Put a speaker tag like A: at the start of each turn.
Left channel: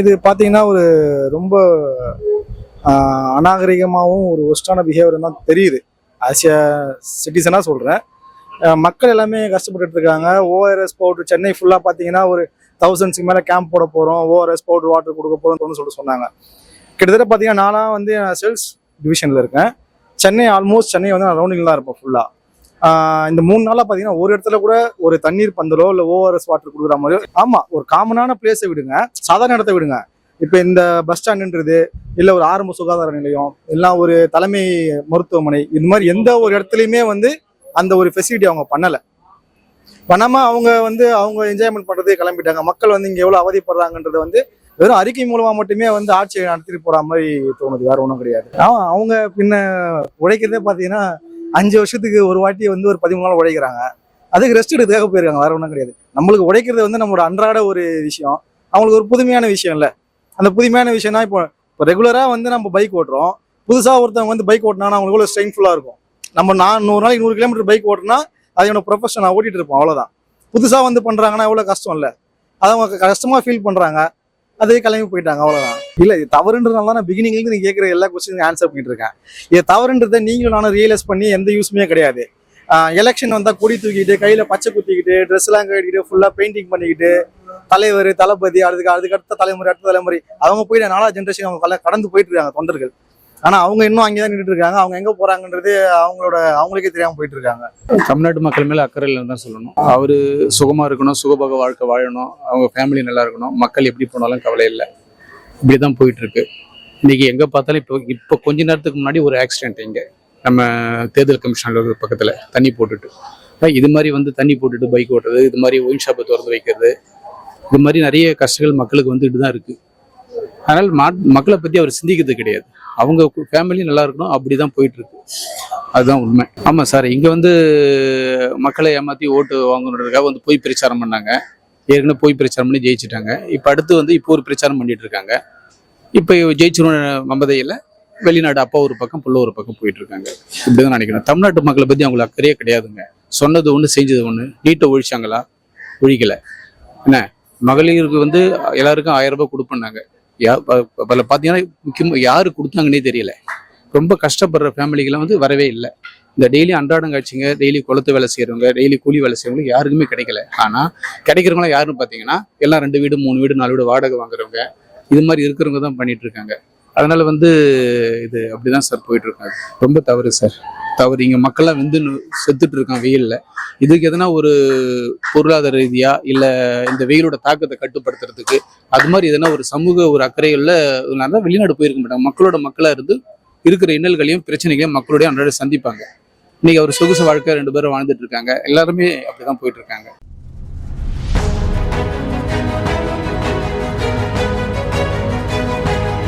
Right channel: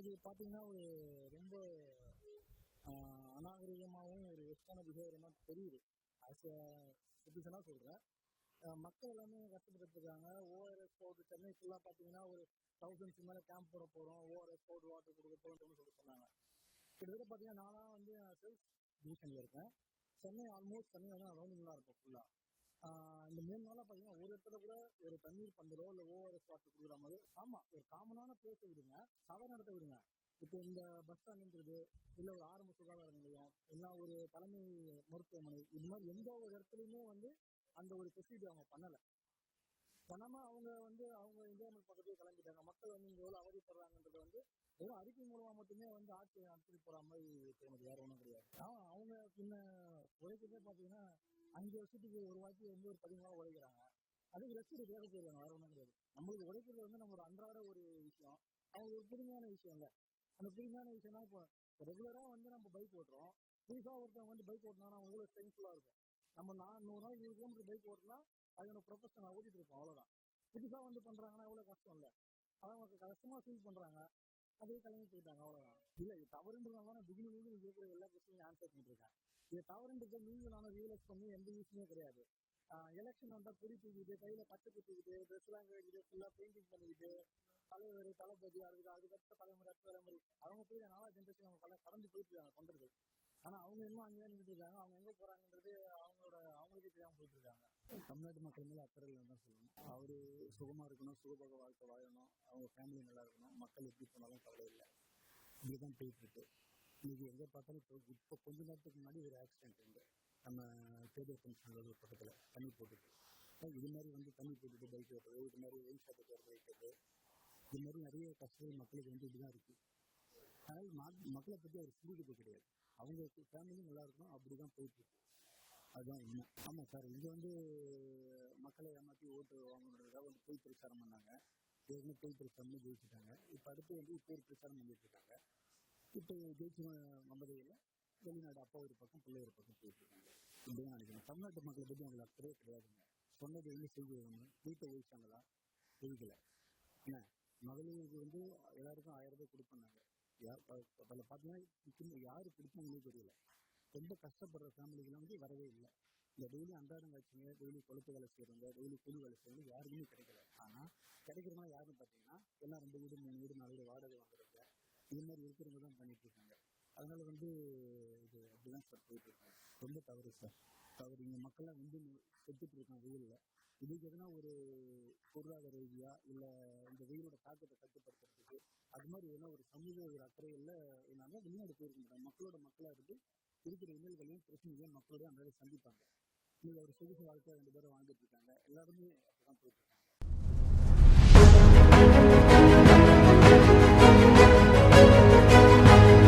A: இது பார்த்தீங்கன்னா ஒரு ரொம்ப அநாகரிகமாகவும் ஒரு ஒஸ்டான பிஹேவியர் தான் தெரியுது. ஆஸ் எ சிட்டிசனாக சொல்கிறேன் மக்கள் எல்லாமே கஷ்டப்பட்டு இருக்காங்க. ஓஆர்எஸ் பவுடர் சென்னை ஃபுல்லாக பார்த்தீங்கன்னா ஒரு தௌசண்ட்ஸ்க்கு மேலே கேம்ப் போட போகிறோம் ஓஆர்எஸ் பவுடர் வாட்டர் கொடுக்க போகிறோம்னு சொல்லி சொன்னாங்க. கிட்டத்தட்ட பார்த்தீங்கன்னா நானாக வந்து சேல்ஸ் டிவிஷனில் இருக்கேன். சென்னை ஆல்மோஸ்ட் சென்னை வந்து நான் ரவுண்டிங் தான் இருப்பேன் ஃபுல்லாக இந்த மூணு நாளாக பார்த்தீங்கன்னா ஒரு இடத்துல கூட ஒரு தண்ணீர் பந்தலோ இல்லை ஓஆர்எஸ் வாட்டர் கொடுக்குற மாதிரியோ ஆமாம் ஒரு காமனான பிளேஸை விடுங்க. சாதாரண இடத்த விடுங்க. இப்போ இந்த பஸ் ஸ்டாண்டுன்றது இல்லை ஒரு ஆரம்ப சுகாதார நிலையம் இல்லை ஒரு தலைமை மருத்துவமனை இது மாதிரி எந்த ஒரு இடத்துலையுமே வந்து அந்த ஒரு ஃபெசிலிட்டி அவங்க பண்ணலை. பண்ணாமல் அவங்க வந்து அவங்க என்ஜாய்மெண்ட் பண்ணுறதே கிளம்பிட்டாங்க. மக்கள் வந்து இங்கே எவ்வளோ அவதிப்படுறாங்கன்றது வந்து வெறும் அறிக்கை மூலமாக மட்டுமே வந்து ஆட்சியை நடத்திட்டு போகிற மாதிரி தோணுது. வேற ஒன்றும் கிடையாது. ஆமாம் அவங்க பின்ன உழைக்கிறதே பார்த்தீங்கன்னா அஞ்சு வருஷத்துக்கு ஒரு வாட்டி வந்து ஒரு பதிமூணு நாள் உழைக்கிறாங்க அதுக்கு ரெஸ்ட் எடுத்துக்காக போயிருக்காங்க வேற ஒன்றும் கிடையாது. நம்மளுக்கு உழைக்கிறது வந்து நம்மளோட அன்றாட ஒரு விஷயம். அவங்களுக்கு ஒரு புதுமையான விஷயம் இல்லை. அந்த புதுமையான விஷயம்னா இப்போ இப்போ ரெகுலராக வந்து நம்ம பைக் ஓட்டுறோம். புதுசாக ஒருத்தவங்க வந்து பைக் ஓட்டினா அவங்களுக்கு எவ்வளோ ஸ்ட்ரெயின்ஃபுல்லாக இருக்கும். நம்ம நான் நூறு நாளைக்கு நூறு கிலோமீட்டர் பைக் ஓட்டினா அது என்னோட ப்ரொஃபஷன் நான் ஓட்டிட்டு இருப்போம் அவ்வளோதான் புதுசாக வந்து பண்ணுறாங்கன்னா எவ்வளோ கஷ்டம் இல்லை. அதை அவங்க கஷ்டமாக ஃபீல் பண்ணுறாங்க அதே கிளம்பி போயிட்டாங்க அவ்வளோதான் இல்லை இது தவறுன்றதுனால தான் நான் பிகினிங்லேருந்து நீங்க கேட்குற எல்லா கொஸ்டினுக்கும் ஆன்சர் பண்ணிட்டு இருக்கேன். இது தவறுன்றதை நீங்களும் நானும் ரியலைஸ் பண்ணி எந்த யூஸுமே கிடையாது. எலெக்ஷன் வந்தால் கொடி தூக்கிட்டு கையில் பச்சை குத்திக்கிட்டு ட்ரெஸ் எல்லாம் கட்டிக்கிட்டு ஃபுல்லாக பெயிண்டிங் பண்ணிக்கிட்டு தலைவர் தளபதி அதுக்கு அதுக்கு அடுத்த தலைமுறை அடுத்த தலைமுறை. அவங்க போயிட்டு நாலா ஜென்ரேஷன் அவங்க கடந்து போயிட்டு இருக்காங்க தொண்டர்கள். ஆனா அவங்க இன்னும் அங்கே தான் நின்றுட்டு இருக்காங்க அவங்க எங்க போறாங்கன்றது அவங்களோட அவங்களுக்கே தெரியாம போயிட்டு இருக்காங்க
B: தமிழ்நாட்டு மக்கள் மேல அக்கறை இல்லைன்னு தான் சொல்லணும். அவரு சுகமா இருக்கணும் சுகபோக வாழ்க்கை வாழணும் அவங்க ஃபேமிலி நல்லா இருக்கணும் மக்கள் எப்படி போனாலும் கவலை இல்லை. இப்படிதான் போயிட்டு இருக்கு இன்னைக்கு எங்க பார்த்தாலும் இப்போ இப்போ கொஞ்ச நேரத்துக்கு முன்னாடி ஒரு ஆக்சிடென்ட் இங்க. நம்ம தேர்தல் கமிஷன் அலுவலக பக்கத்துல தண்ணி போட்டுட்டு. இது மாதிரி வந்து தண்ணி போட்டுட்டு பைக் ஓட்டுறது இது மாதிரி ஒயின் ஷாப்பை திறந்து வைக்கிறது இது மாதிரி நிறைய கஷ்டங்கள் மக்களுக்கு வந்துட்டு தான் இருக்கு. அதனால் மா- மக்களை பற்றி அவர் சிந்திக்கிறது கிடையாது. அவங்க ஃபேமிலி நல்லா இருக்கணும். அப்படி தான் போயிட்டுருக்கு. அதுதான் உண்மை. ஆமாம் சார் இங்கே வந்து மக்களை ஏமாற்றி ஓட்டு வாங்கணுன்றதுக்காக வந்து போய் பிரச்சாரம் பண்ணாங்க. ஏற்கனவே போய் பிரச்சாரம் பண்ணி ஜெயிச்சிட்டாங்க. இப்போ அடுத்து வந்து இப்போ ஒரு பிரச்சாரம் பண்ணிட்டு இருக்காங்க. இப்போ ஜெயிச்சிரும் மமதையில் வெளிநாடு அப்பா ஒரு பக்கம் புள்ள ஒரு பக்கம் போயிட்டு இருக்காங்க. இப்படிதான் நினைக்கிறேன். தமிழ்நாட்டு மக்களை பற்றி அவங்களுக்கு அக்கறையே கிடையாதுங்க. சொன்னது ஒன்று செஞ்சது ஒன்று நீட்டை ஒழிச்சாங்களா? ஒழிக்கலை. என்ன? மகளிருக்கு வந்து எல்லாருக்கும் ஆயிரம் ரூபாய் கொடுப்பேன்னாங்க. பல பார்த்தீங்கன்னா முக்கியமாக யாரு கொடுத்தாங்கன்னே தெரியல. ரொம்ப கஷ்டப்படுற ஃபேமிலிகள்லாம் வந்து வரவே இல்லை. இந்த டெய்லி அன்றாடம் காட்சிங்க டெய்லி குளத்து வேலை செய்கிறவங்க டெய்லி கூலி வேலை செய்கிறவங்க யாருக்குமே கிடைக்கல. ஆனால் கிடைக்கிறவங்களாம் யாருன்னு பார்த்தீங்கன்னா எல்லாம் ரெண்டு வீடு மூணு வீடு நாலு வீடு வாடகை வாங்குறவங்க இது மாதிரி இருக்கிறவங்க தான் பண்ணிட்டு இருக்காங்க. அதனால வந்து இது அப்படிதான் சார் போயிட்டு இருக்காங்க ரொம்ப தவறு சார். தவறு. இங்க மக்கள்லாம் வந்து செத்துட்டு இருக்கான் வெயில்ல. இதுக்கு எதனா ஒரு பொருளாதார ரீதியா இல்ல இந்த வெயிலோட தாக்கத்தை கட்டுப்படுத்துறதுக்கு அது மாதிரி எதனா ஒரு சமூக ஒரு அக்கறைகள்ல தான் வெளிநாடு போயிருக்க மாட்டாங்க. மக்களோட மக்களா இருந்து இருக்கிற இன்னல்களையும் பிரச்சனைகளையும் மக்களுடைய அன்றாட சந்திப்பாங்க. இன்னைக்கு அவர் சொகுசு வாழ்க்கை ரெண்டு பேரும் வாழ்ந்துட்டு இருக்காங்க எல்லாருமே அப்படிதான் போயிட்டு இருக்காங்க